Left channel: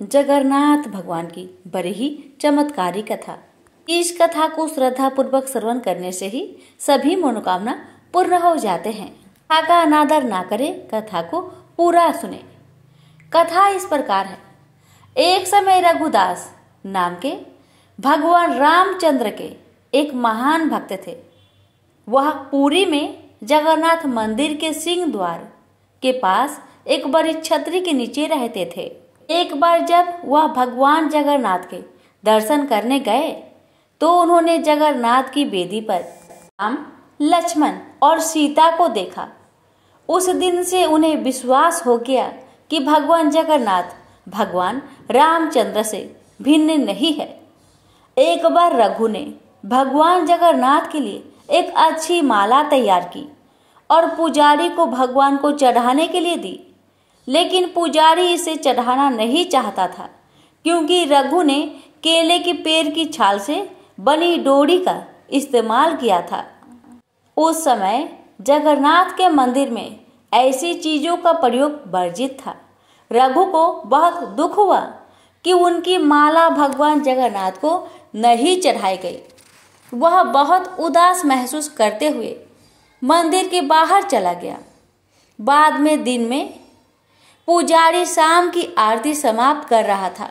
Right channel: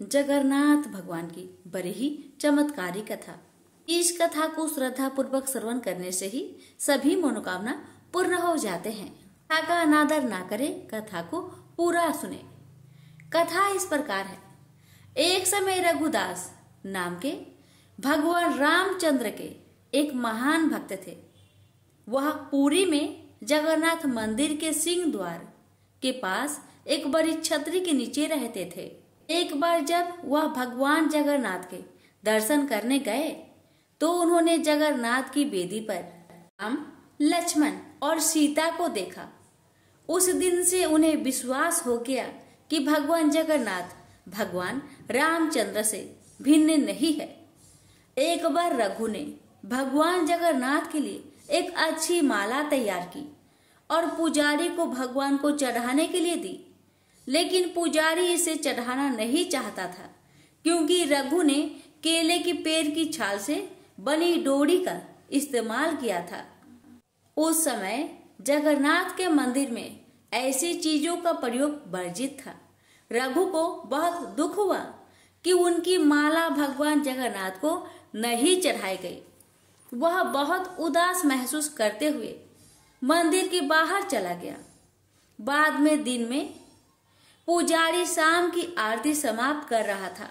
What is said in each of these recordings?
जगन्नाथ भगवान की बड़ी ही चमत्कारी कथा। इस कथा को श्रद्धा पूर्वक श्रवण करने से ही सभी मनोकामना पूर्ण हो जाते हैं। कथा का अनादर ना करें, कथा को पूरा सुने। कथा इस प्रकार है। एक समय रघुदास नाम के भगवान रामचंद्र के एक महान भक्त थे। वह पुरी में जगन्नाथ मंदिर के सिंह द्वार के पास एक बड़ी छतरी के नीचे रहते थे। एक बार जब वह भगवान जगन्नाथ के दर्शन करने गए तो उन्होंने जगन्नाथ की वेदी पर राम, लक्ष्मण और सीता को देखा। उस दिन से उन्हें विश्वास हो गया कि भगवान जगन्नाथ भगवान रामचंद्र से भिन्न नहीं है। एक बार रघु ने भगवान जगन्नाथ के लिए एक अच्छी माला तैयार की और पुजारी को भगवान को चढ़ाने के लिए दी, लेकिन पुजारी इसे चढ़ाना नहीं चाहता था क्योंकि रघु ने केले के पेड़ की छाल से बनी डोरी का इस्तेमाल किया था। उस समय जगन्नाथ के मंदिर में ऐसी चीजों का प्रयोग वर्जित था। रघु को बहुत दुख हुआ कि उनकी माला भगवान जगन्नाथ को नहीं चढ़ाई गई। वह बहुत उदास महसूस करते हुए मंदिर के बाहर चला गया। बाद में दिन में पुजारी शाम की आरती समाप्त कर रहा था।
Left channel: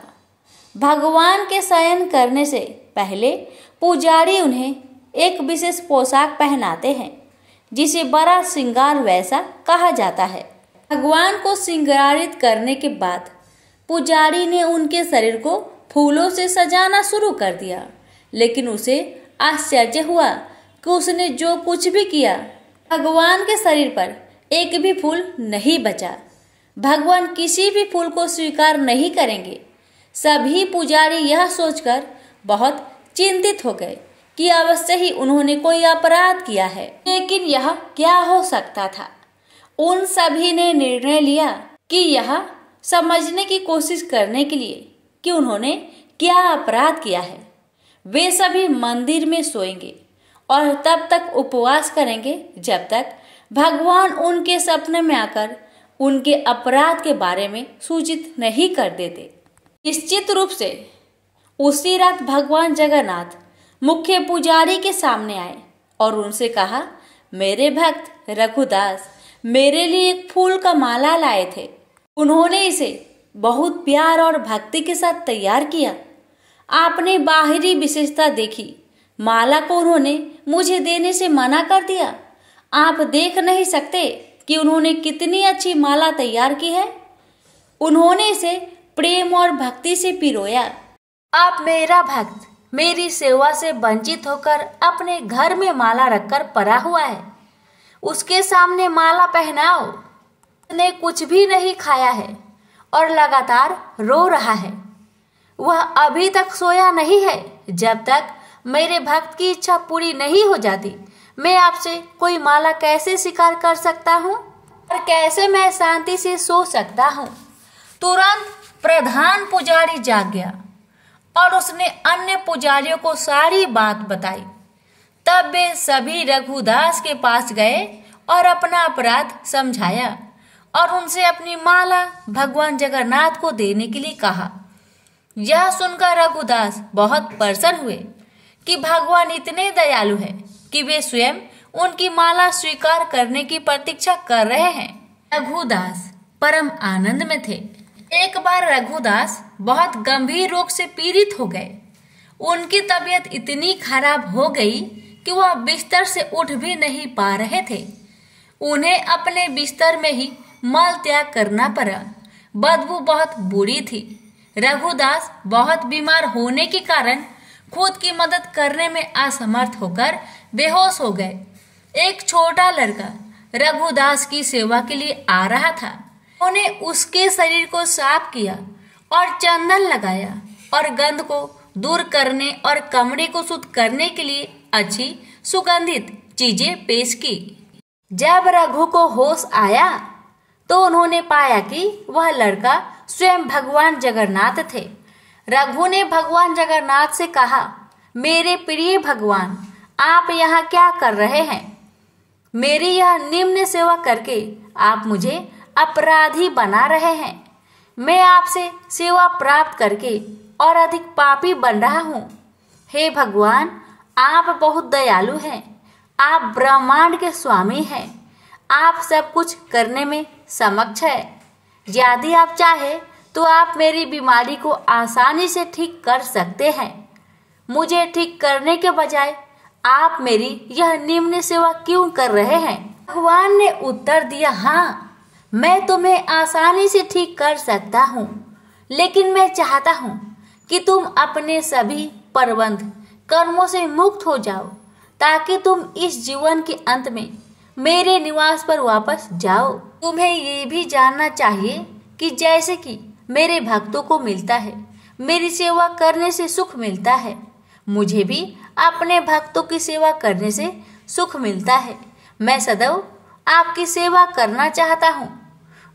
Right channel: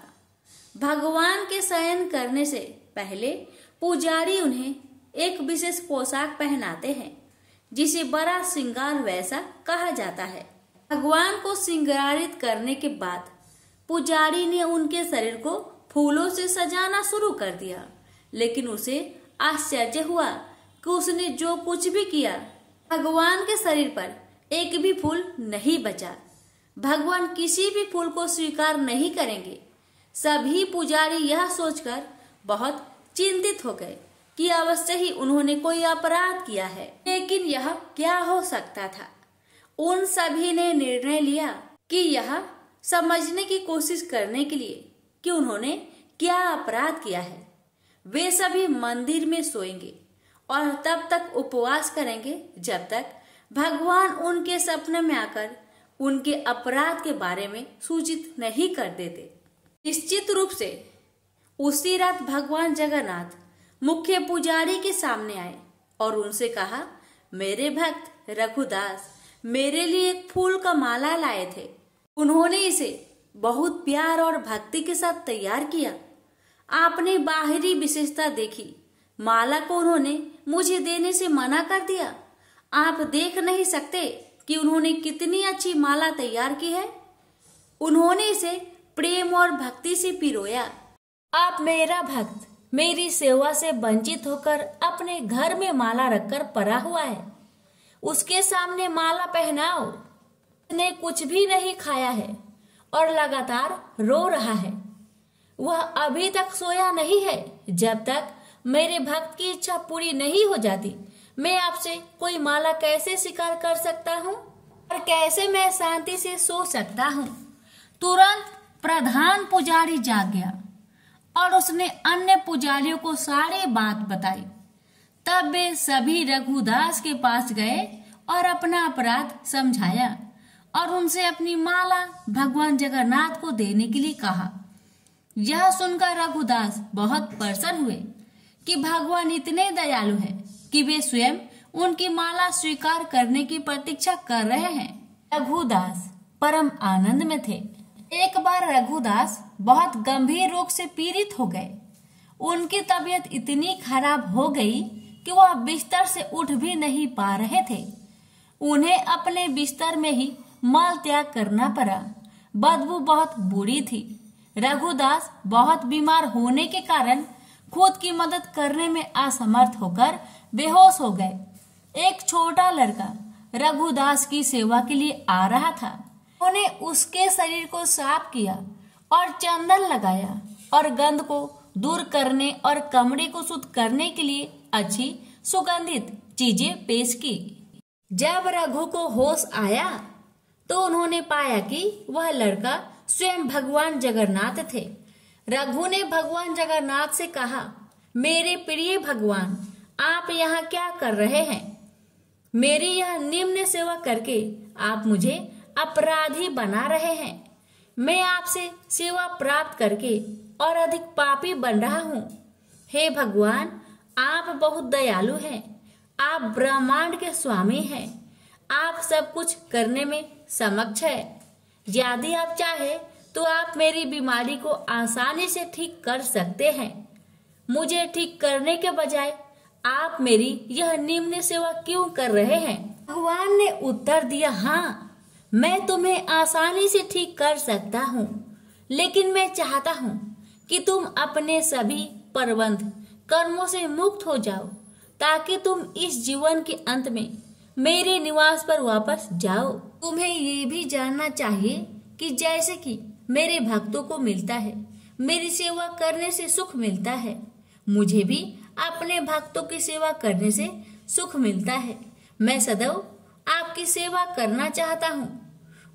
भगवान के शयन करने से पहले पुजारी उन्हें एक विशेष पोशाक पहनाते हैं जिसे बड़ा श्रृंगार वैसा कहा जाता है। भगवान को श्रृंगारित करने के बाद पुजारी ने उनके शरीर को फूलों से सजाना शुरू कर दिया, लेकिन उसे आश्चर्य हुआ कि उसने जो कुछ भी किया भगवान के शरीर पर एक भी फूल नहीं बचा। भगवान किसी भी फूल को स्वीकार नहीं करेंगे। सभी पुजारी यह सोचकर बहुत चिंतित हो गए कि अवश्य ही उन्होंने कोई अपराध किया है, लेकिन यह क्या हो सकता था। उन सभी ने निर्णय लिया कि यह समझने की कोशिश करने के लिए कि उन्होंने क्या अपराध किया है। वे सभी मंदिर में सोएंगे और तब तक उपवास करेंगे जब तक भगवान उनके सपने में आकर उनके अपराध के बारे में सूचित नहीं कर देते। निश्चित रूप से उसी रात भगवान जगन्नाथ मुख्य पुजारी के सामने आए और उनसे कहा, मेरे भक्त रघुदास मेरे लिए एक फूल का माला लाए थे। उन्होंने इसे बहुत प्यार और भक्ति के साथ तैयार किया। आपने बाहरी विशेषता देखी, माला को उन्होंने मुझे देने से मना कर दिया। आप देख नहीं सकते कि उन्होंने कितनी अच्छी माला तैयार की है। उन्होंने इसे प्रेम और भक्ति से पिरोया। आप मेरा भक्त मेरी सेवा से वंचित होकर अपने घर में माला रखकर पड़ा हुआ है, उसके सामने माला पहनाओ। उसने कुछ भी नहीं खाया है और लगातार रो रहा है। वह अभी तक सोया नहीं है। जब तक मेरे भक्त की इच्छा पूरी नहीं हो जाती मैं आपसे कोई माला कैसे स्वीकार कर सकता हूँ और कैसे मैं शांति से सो सकता हूँ। तुरंत प्रधान पुजारी जाग गया और उसने अन्य पुजारियों को सारी बात बताई। तब वे सभी रघुदास के पास गए और अपना अपराध समझाया और उनसे अपनी माला भगवान जगन्नाथ को देने के लिए कहा। यह सुनकर रघुदास बहुत प्रसन्न हुए कि भगवान इतने दयालु हैं कि वे स्वयं उनकी माला स्वीकार करने की प्रतीक्षा कर रहे हैं। रघुदास परम आनंद में थे। एक बार रघुदास बहुत गंभीर रोग से पीड़ित हो गए। उनकी तबीयत इतनी खराब हो गई कि वह बिस्तर से उठ भी नहीं पा रहे थे। उन्हें अपने बिस्तर में ही मल त्याग करना पड़ा। बदबू बहुत बुरी थी। रघुदास बहुत बीमार होने के कारण खुद की मदद करने में असमर्थ होकर बेहोश हो गए। एक छोटा लड़का रघुदास की सेवा के लिए आ रहा था। उन्होंने उसके शरीर को साफ किया और चंदन लगाया और गंध को दूर करने और कमरे को शुद्ध करने के लिए अच्छी सुगंधित चीजें पेश की। जब रघु को होश आया तो उन्होंने पाया कि वह लड़का स्वयं भगवान जगन्नाथ थे। रघु ने भगवान जगन्नाथ से कहा, मेरे प्रिय भगवान, आप यहाँ क्या कर रहे हैं? मेरी यह निम्न सेवा करके आप मुझे अपराधी बना रहे हैं। मैं आपसे सेवा प्राप्त करके और अधिक पापी बन रहा हूँ। हे भगवान, आप बहुत दयालु हैं। आप ब्रह्मांड के स्वामी हैं। आप सब कुछ करने में समक्ष है। यदि आप चाहे तो आप मेरी बीमारी को आसानी से ठीक कर सकते हैं। मुझे ठीक करने के बजाय आप मेरी यह निम्न सेवा क्यों कर रहे हैं? भगवान ने उत्तर दिया, हाँ, मैं तुम्हें आसानी से ठीक कर सकता हूँ, लेकिन मैं चाहता हूँ कि तुम अपने सभी प्रबंध कर्मों से मुक्त हो जाओ, ताकि तुम इस जीवन के अंत में मेरे निवास पर वापस जाओ। तुम्हें ये भी जानना चाहिए कि जैसे कि मेरे भक्तों को मिलता है, मेरी सेवा करने से सुख मिलता है, मुझे भी अपने भक्तों की सेवा करने से सुख मिलता है। मैं सदैव आपकी सेवा करना चाहता हूँ।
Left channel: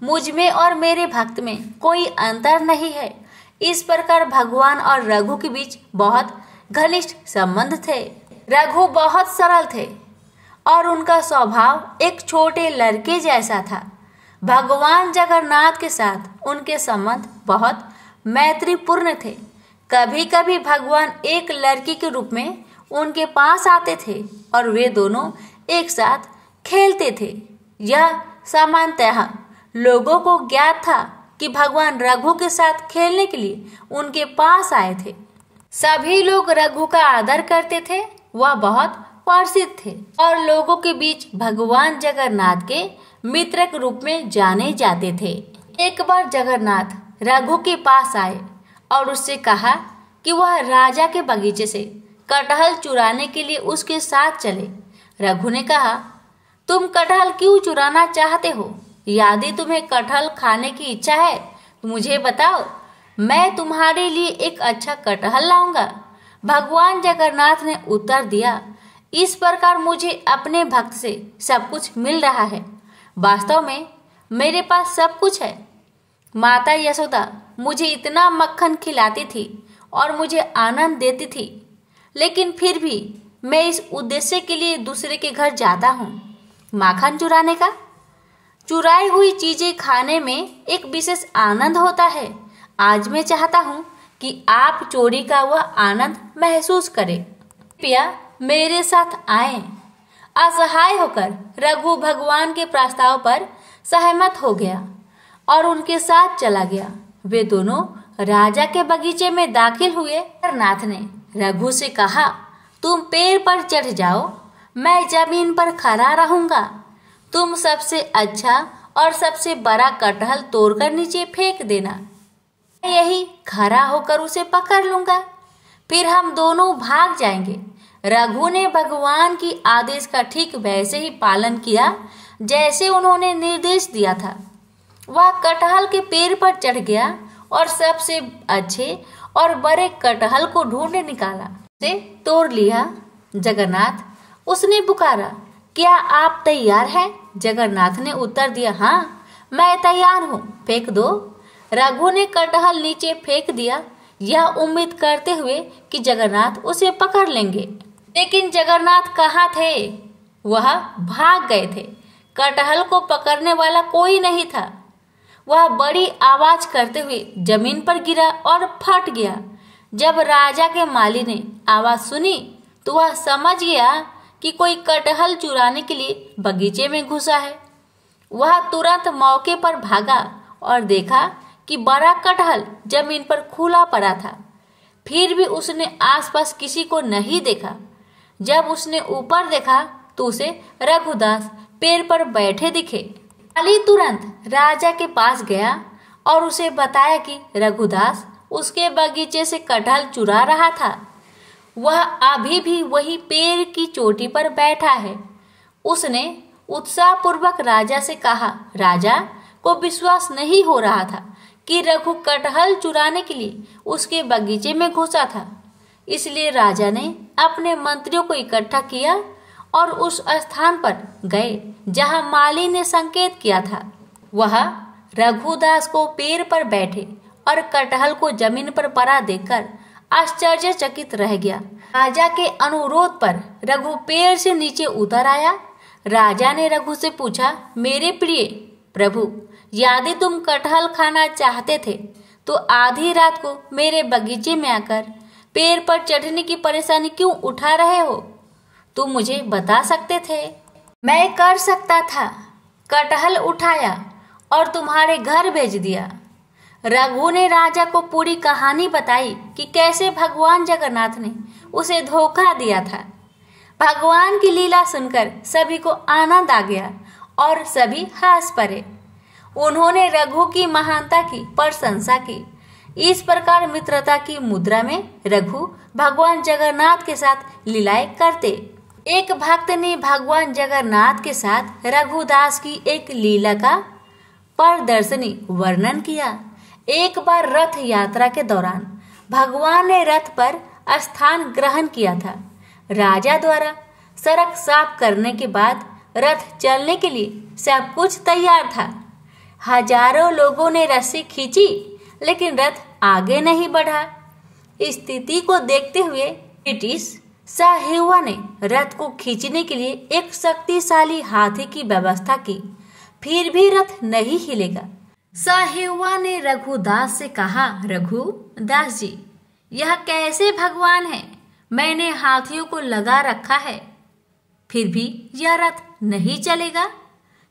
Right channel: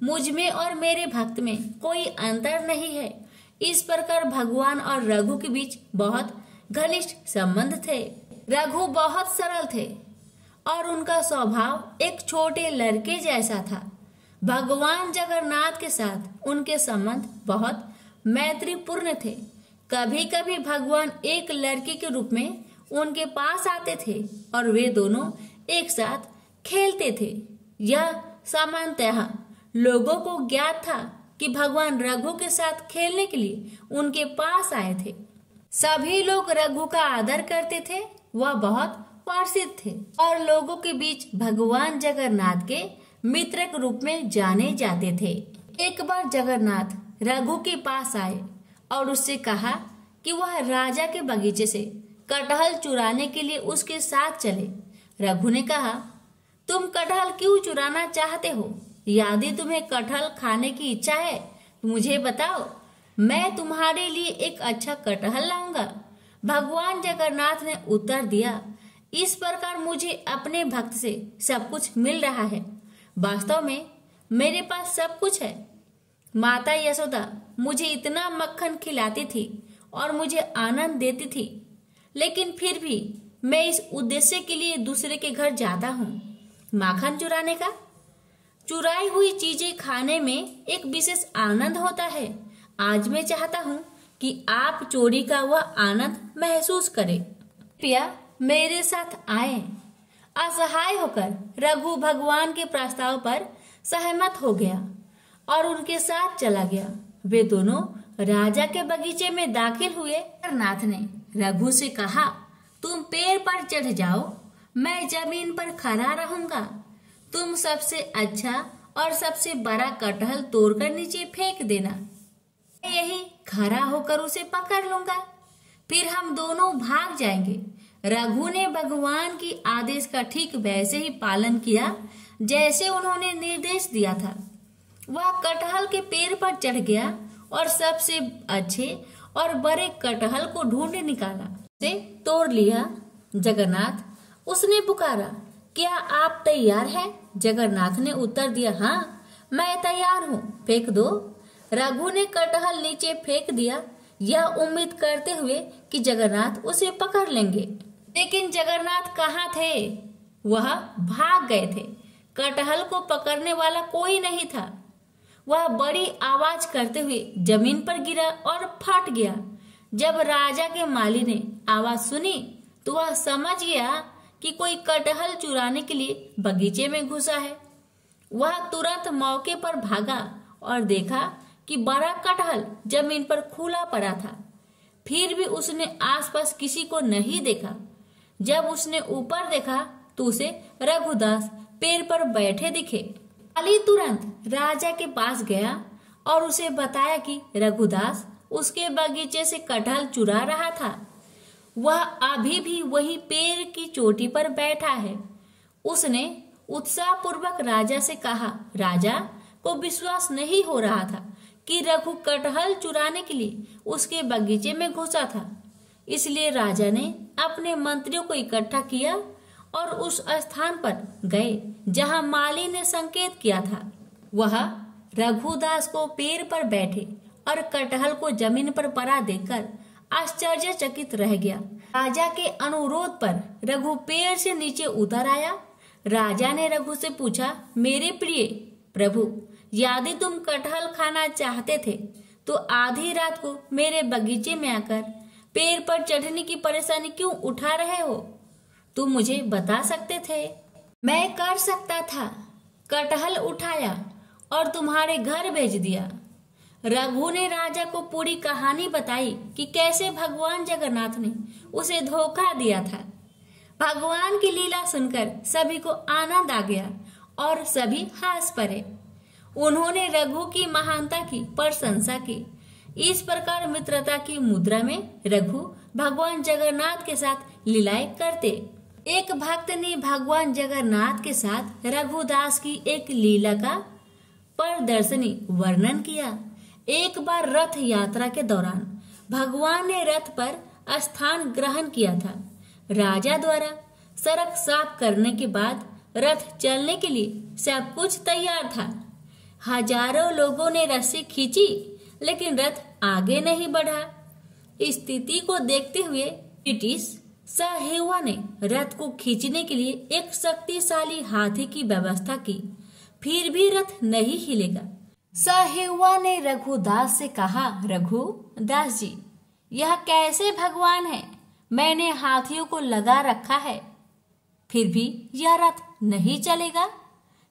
मुझ में और मेरे भक्त में कोई अंतर नहीं है। इस प्रकार भगवान और रघु के बीच बहुत घनिष्ठ संबंध थे। रघु बहुत सरल थे और उनका स्वभाव एक छोटे लड़के जैसा था। भगवान जगन्नाथ के साथ उनके संबंध बहुत मैत्रीपूर्ण थे। कभी कभी भगवान एक लड़की के रूप में उनके पास आते थे और वे दोनों एक साथ खेलते थे। यह सामान्यतः लोगों को ज्ञात था कि भगवान रघु के साथ खेलने के लिए उनके पास आए थे। सभी लोग रघु का आदर करते थे। वह बहुत प्रसिद्ध थे और लोगों के बीच भगवान जगन्नाथ के मित्र के रूप में जाने जाते थे। एक बार जगन्नाथ रघु के पास आए और उससे कहा कि वह राजा के बगीचे से कटहल चुराने के लिए उसके साथ चले। रघु ने कहा, तुम कटहल क्यों चुराना चाहते हो? यदि तुम्हें कटहल खाने की इच्छा है तो मुझे बताओ, मैं तुम्हारे लिए एक अच्छा कटहल लाऊंगा। भगवान जगन्नाथ ने उत्तर दिया, इस प्रकार मुझे अपने भक्त से सब कुछ मिल रहा है। वास्तव में मेरे पास सब कुछ है। माता यशोदा मुझे इतना मक्खन खिलाती थी और मुझे आनंद देती थी, लेकिन फिर भी मैं इस उद्देश्य के लिए दूसरे के घर जाता हूँ, माखन चुराने का। चुराई हुई चीजें खाने में एक विशेष आनंद होता है। आज मैं चाहता हूँ कि आप चोरी का वह आनंद महसूस करें। कृपया मेरे साथ आए। असहाय होकर रघु भगवान के प्रस्ताव पर सहमत हो गया और उनके साथ चला गया। वे दोनों राजा के बगीचे में दाखिल हुए। जगन्नाथ ने रघु से कहा, तुम पेड़ पर चढ़ जाओ, मैं जमीन पर खड़ा रहूंगा। तुम सबसे अच्छा और सबसे बड़ा कटहल तोड़कर नीचे फेंक देना। मैं यही खड़ा होकर उसे पकड़ लूंगा, फिर हम दोनों भाग जाएंगे। रघु ने भगवान की आदेश का ठीक वैसे ही पालन किया जैसे उन्होंने निर्देश दिया था। वह कटहल के पेड़ पर चढ़ गया और सबसे अच्छे और बड़े कटहल को ढूंढ निकाला, उसे तोड़ लिया। जगन्नाथ उसने पुकारा, क्या आप तैयार हैं? जगन्नाथ ने उत्तर दिया, हाँ, मैं तैयार हूँ, फेंक दो। रघु ने कटहल नीचे फेंक दिया, यह उम्मीद करते हुए कि जगन्नाथ उसे पकड़ लेंगे। लेकिन जगन्नाथ कहाँ थे? वह भाग गए थे। कटहल को पकड़ने वाला कोई नहीं था। वह बड़ी आवाज करते हुए जमीन पर गिरा और फट गया। जब राजा के माली ने आवाज सुनी तो वह समझ गया कि कोई कटहल चुराने के लिए बगीचे में घुसा है। वह तुरंत मौके पर भागा और देखा कि बड़ा कटहल जमीन पर खुला पड़ा था। फिर भी उसने आसपास किसी को नहीं देखा। जब उसने ऊपर देखा तो उसे रघुदास पेड़ पर बैठे दिखे। माली तुरंत राजा के पास गया और उसे बताया कि रघुदास उसके बगीचे से कटहल चुरा रहा था। वह अभी भी वही पेड़ की चोटी पर बैठा है। उसने उत्साहपूर्वक राजा से कहा, राजा को विश्वास नहीं हो रहा था कि रघु कटहल चुराने के लिए उसके बगीचे में घुसा था। इसलिए राजा ने अपने मंत्रियों को इकट्ठा किया और उस स्थान पर गए जहां माली ने संकेत किया था। वह रघुदास को पेड़ पर बैठे और कटहल को जमीन पर पड़ा देखकर आश्चर्यचकित रह गया। राजा के अनुरोध पर रघु पेड़ से नीचे उतर आया। राजा ने रघु से पूछा, मेरे प्रिय प्रभु, यदि तुम कटहल खाना चाहते थे तो आधी रात को मेरे बगीचे में आकर पेड़ पर चढ़ने की परेशानी क्यों उठा रहे हो? तुम मुझे बता सकते थे। मैं कर सकता था। कटहल उठाया और तुम्हारे घर भेज दिया। रघु ने राजा को पूरी कहानी बताई कि कैसे भगवान जगन्नाथ ने उसे धोखा दिया था। भगवान की लीला सुनकर सभी को आनंद आ गया और सभी हंस पड़े। उन्होंने रघु की महानता की प्रशंसा की। इस प्रकार मित्रता की मुद्रा में रघु भगवान जगन्नाथ के साथ लीलाएं करते। एक भक्त ने भगवान जगन्नाथ के साथ रघुदास की एक लीला का प्रदर्शनी वर्णन किया। एक बार रथ यात्रा के दौरान भगवान ने रथ पर स्थान ग्रहण किया था। राजा द्वारा सड़क साफ करने के बाद रथ चलने के लिए सब कुछ तैयार था। हजारों लोगों ने रस्सी खींची लेकिन रथ आगे नहीं बढ़ा। स्थिति को देखते हुए ब्रिटिश साहेबों ने रथ को खींचने के लिए एक शक्तिशाली हाथी की व्यवस्था की, फिर भी रथ नहीं हिलेगा। साहेबों ने रघुदास से कहा, रघुदास जी, यह कैसे भगवान है? मैंने हाथियों को लगा रखा है, फिर भी यह रथ नहीं चलेगा।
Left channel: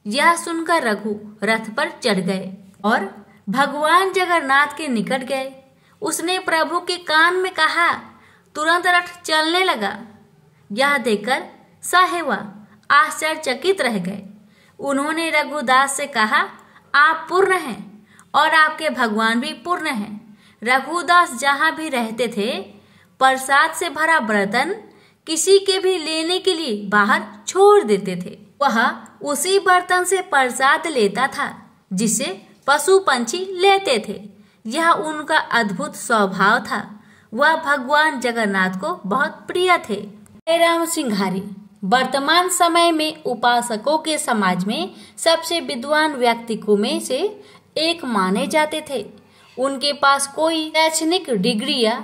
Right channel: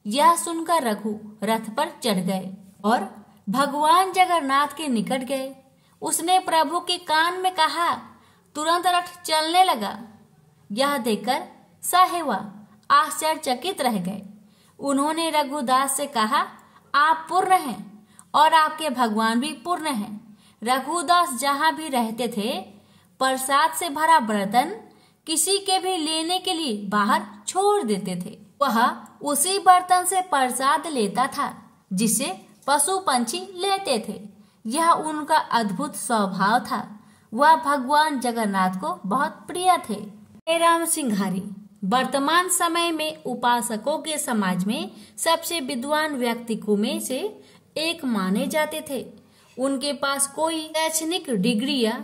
यह सुनकर रघु रथ पर चढ़ गए और भगवान जगन्नाथ के निकट गए। उसने प्रभु के कान में कहा, तुरंत रथ चलने लगा। यह देखकर साहेबा आश्चर्यचकित रह गए। उन्होंने रघुदास से कहा, आप पूर्ण हैं और आपके भगवान भी पूर्ण हैं। रघुदास जहाँ भी रहते थे प्रसाद से भरा बर्तन किसी के भी लेने के लिए बाहर छोड़ देते थे। वह उसी बर्तन से प्रसाद लेता था जिसे पशु पंछी लेते थे। यह उनका अद्भुत स्वभाव था। वह भगवान जगन्नाथ को बहुत प्रिय थे। राम सिंघारी वर्तमान समय में उपासकों के समाज में सबसे विद्वान व्यक्तियों में से एक माने जाते थे। उनके पास कोई शैक्षणिक डिग्री या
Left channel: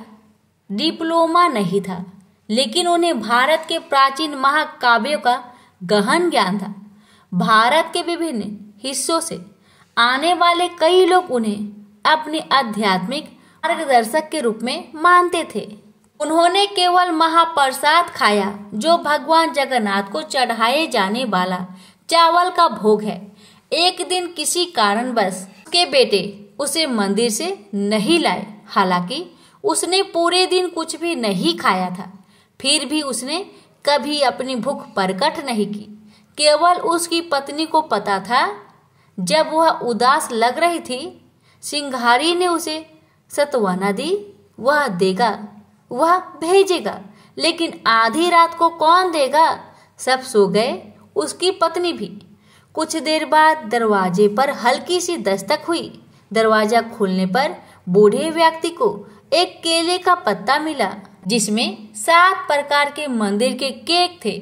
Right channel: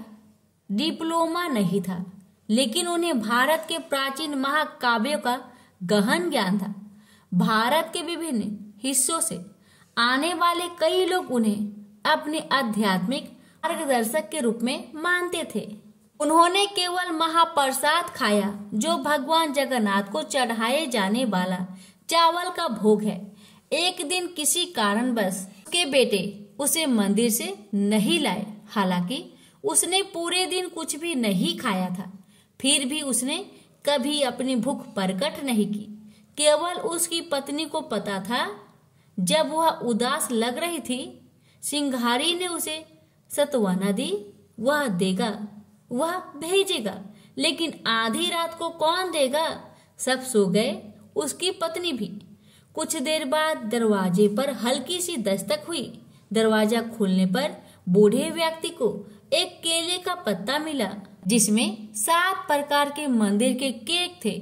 डिप्लोमा नहीं था, लेकिन उन्हें भारत के प्राचीन महाकाव्यों का गहन ज्ञान था। भारत के विभिन्न हिस्सों से आने वाले कई लोग उन्हें अपने आध्यात्मिक मार्गदर्शक के रूप में मानते थे। उन्होंने केवल महाप्रसाद खाया जो भगवान जगन्नाथ को चढ़ाए जाने वाला चावल का भोग है। एक दिन किसी कारणवश उसके बेटे उसे मंदिर से नहीं लाए। हालांकि उसने पूरे दिन कुछ भी नहीं खाया था, फिर भी उसने कभी अपनी भूख प्रकट नहीं की। केवल उसकी पत्नी को पता था। जब वह उदास लग रही थी, सिंघारी ने उसे सत्वना दी। वह देगा, वह भेजेगा, लेकिन आधी रात को कौन देगा? सब सो गए, उसकी पत्नी भी। कुछ देर बाद दरवाजे पर हल्की सी दस्तक हुई। दरवाजा खुलने पर बूढ़े व्यक्ति को एक केले का पत्ता मिला जिसमें 7 प्रकार के मंदिर के केक थे।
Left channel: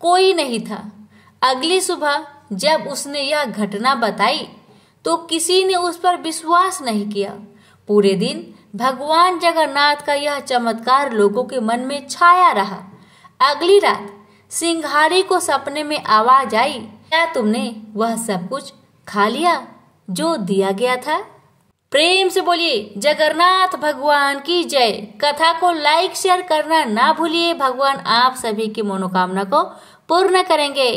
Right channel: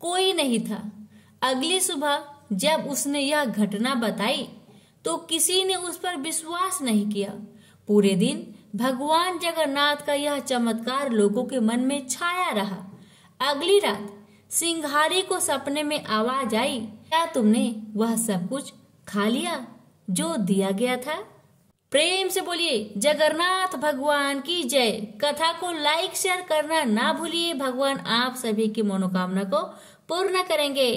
कोई नहीं था। अगली सुबह जब उसने यह घटना बताई तो किसी ने उस पर विश्वास नहीं किया। पूरे दिन भगवान जगन्नाथ का यह चमत्कार लोगों के मन में छाया रहा। अगली रात सिंघारी को सपने में आवाज आई, क्या तुमने वह सब कुछ खा लिया जो दिया गया था? प्रेम से बोलिए जगन्नाथ भगवान की जय। कथा को लाइक शेयर करना ना भूलिए। भगवान आप सभी की मनोकामना को पूर्ण करेंगे।